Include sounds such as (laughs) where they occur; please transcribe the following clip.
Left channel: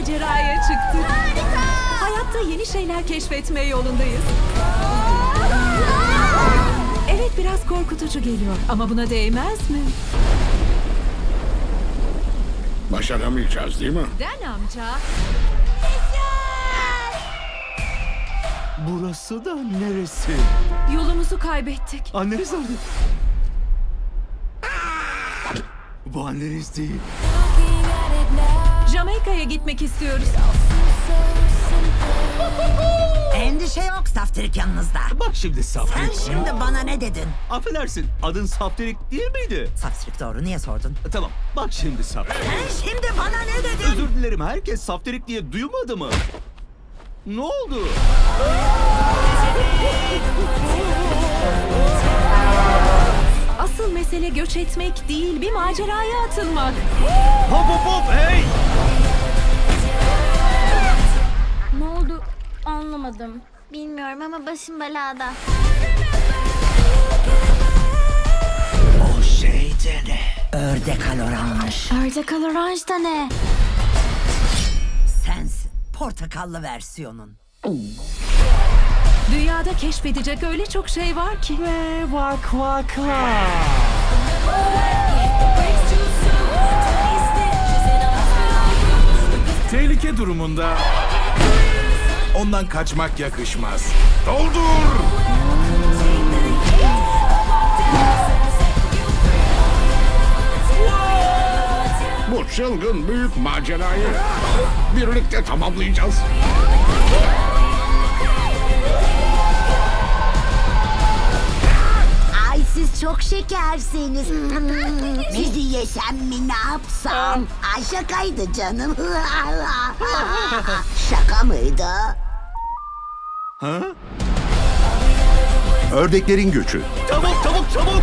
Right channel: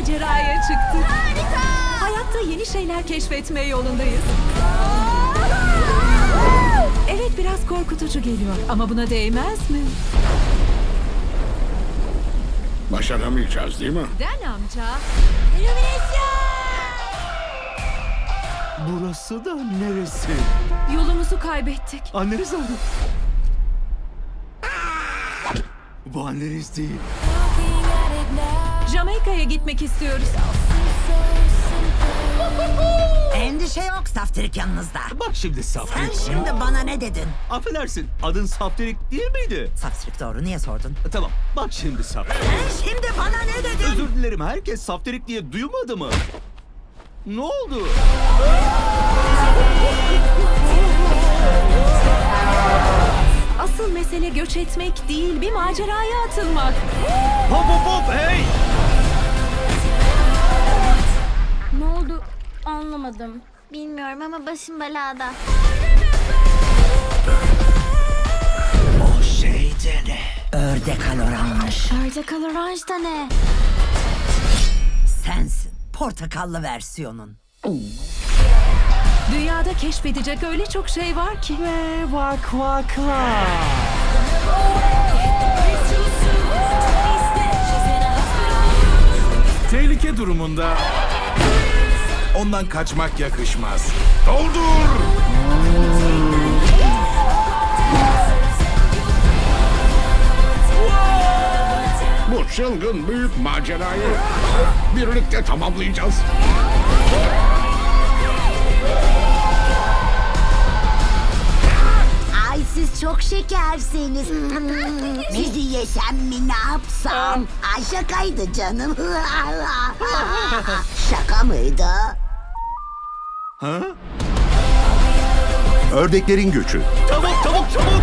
maceraya çıktık. Hayatta yeni şeyler keşfetme yolundayız. Evet biraz korkutucu geliyor ama buna değmez mi? Başaramayacağız değil mi? Den amca. Burası da neresi? Yolumuzu kaybettik. Anneniz nerede? Bu anneniz değil. Jamaika'ya gitmek istiyoruz. (laughs) Endişe yok saftirik yanınızda. Bak şimdi Sen Saftirik. şimdi bana ne dedin? Affedersin adın Saftirik değil miydi? Saftirik doğru niye sordun? Tamam bak şimdi Saftirik. Sen şimdi bana ne dedin? Özür dilerim herkes Saftirik diye duymadı mı? Ne oldu? Asıl mesele göç etmek değil, bir maceraya atılmak. Hop hop hop hey! Anlamadım. Bilmiyorum ama başım belada. O şey de ne? Ördek aloranj. Portakal oranj da ne? Sensin. Portakallı versiyonun. Dünyada keşfedecek öyle çok şey var ki. Ve vak vaklar. Tehlike durumunda ondan kaçmak yakışmaz. Doldur! Bu çılgın büyük macerayı birlikte tamamlayacağız. Ay siz çok şekersiniz. (laughs) Sizi yesem mi ne yapsam? Ay şakaydı canım. (laughs) Şaka mıydı? Ha? Ördeklerin göçü. Çabuk çabuk çabuk!